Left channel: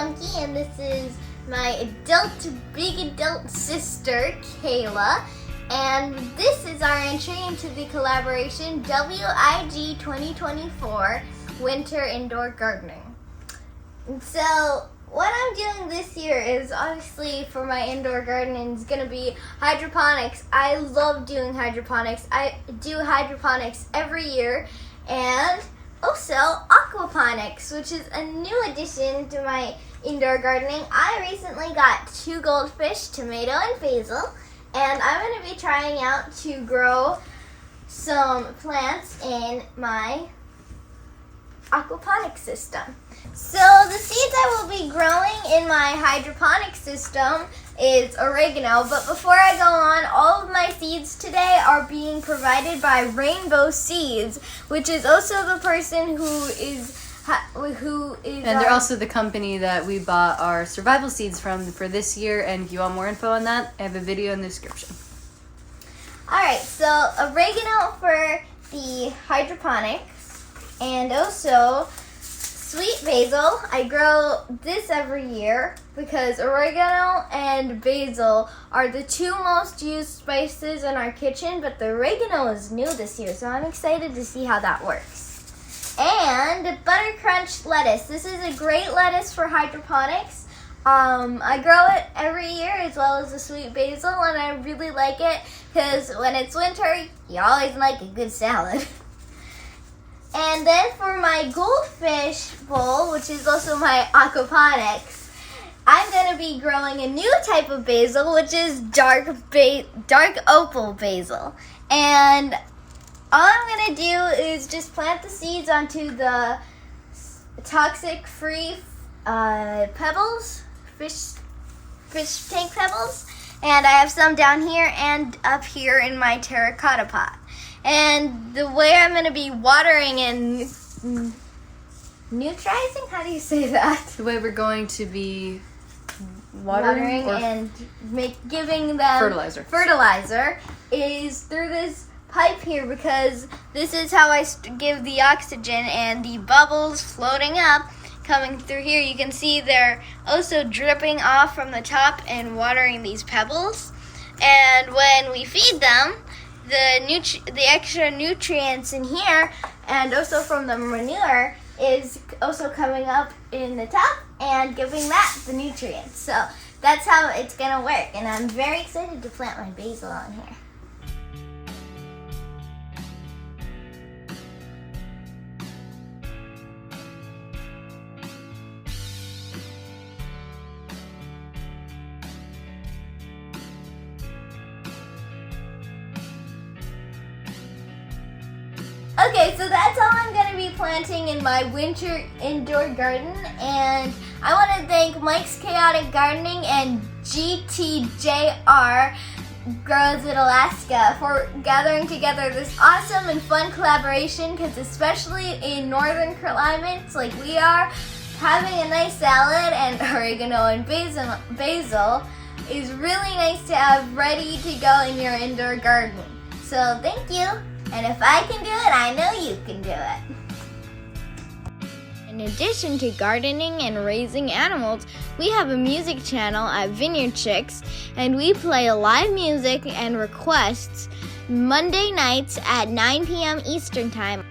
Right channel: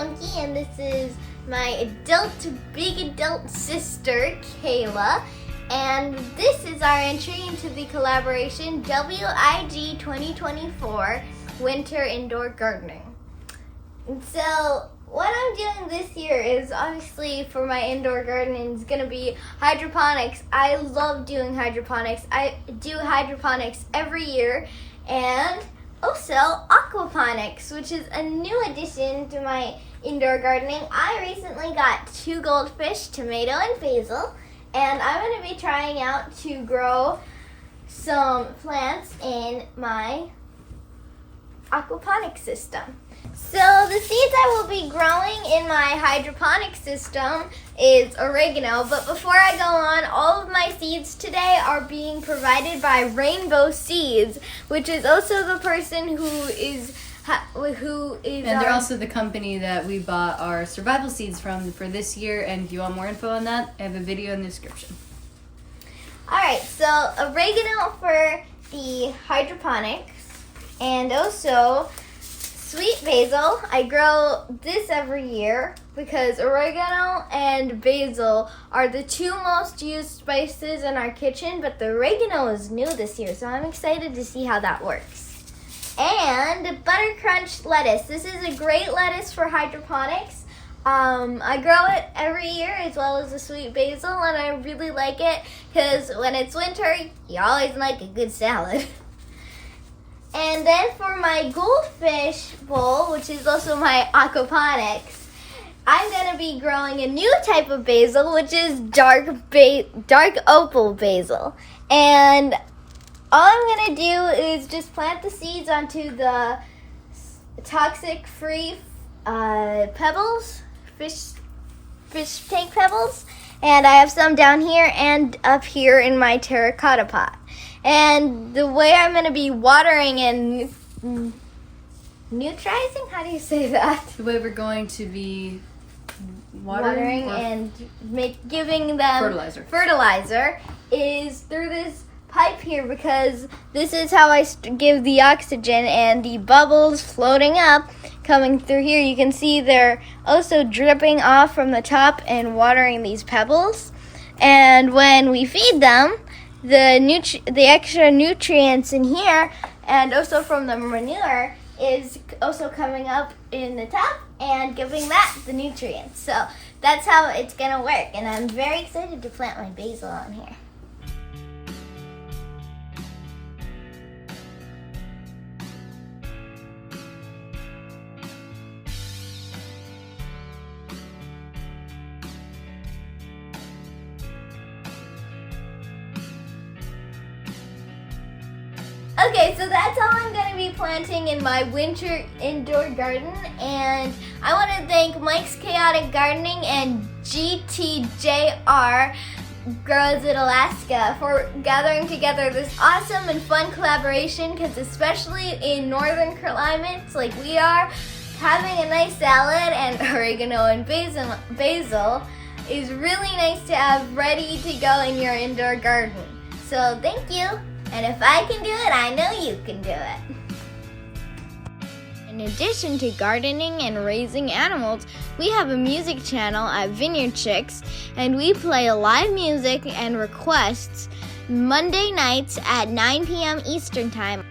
Bunkie, and this is my big adult sister, Kayla. And this is our entry into the collaboration WIG 2024 Winter Indoor Gardening. And so what I'm doing this year is obviously for my indoor gardening is going to be hydroponics. I love doing hydroponics. I do hydroponics every year, and also aquaponics, which is a new addition to my indoor gardening. I recently got 2 goldfish, tomato and basil, and I'm going to be trying out to grow some plants in my aquaponic system. So the seeds I will be growing in my hydroponic system is oregano, but before I go on, all of my seeds today are being provided by Rainbow Seeds, which is also the person who is and they're also the company that we bought our survival seeds from for this year. And if you want more info on that, I have a video in the description. Alright, so oregano for the hydroponics, and also sweet basil. I grow this every year because oregano and basil are the 2 most used spices in our kitchen, but the oregano is new this year, so I'm excited to see how that works. And butter crunch lettuce. This is a great lettuce for hydroponics. I grow it every year as well as the sweet basil, and I really like it because when it's winter, you always like a good salad. And then for my goldfish bowl, which is also my aquaponics, I'm going to be growing a new type of basil, which is dark opal basil. And all I'm going to do is just plant the seeds onto the toxic-free pebbles, fish tank pebbles. And I have some down here and up here in my terracotta pot. And the way I'm going to be watering and neutralizing, how do you say that? The way we're going to be watering and giving them fertilizer is through this pipe here, because this is how I give the oxygen, and the bubbles floating up coming through here. You can see they're also dripping off from the top and watering these pebbles. And when we feed them, the extra nutrients in here and also from the manure is also coming up in the top and giving that the nutrients. So that's how it's going to work, and I'm very excited to plant my basil on here. Okay, so that's all I'm going to be planting in my winter indoor garden, and I want to thank Mike's Chaotic Gardening and GTJR Grows in Alaska for gathering together this awesome and fun collaboration, because especially in northern climates like we are, having a nice salad and oregano and basil is really nice to have ready to go in your indoor garden. So thank you. And if I can do it, I know you can do it. In addition to gardening and raising animals, we have a music channel at Vineyard Chicks, and we play live music and requests Monday nights at 9 p.m. Eastern Time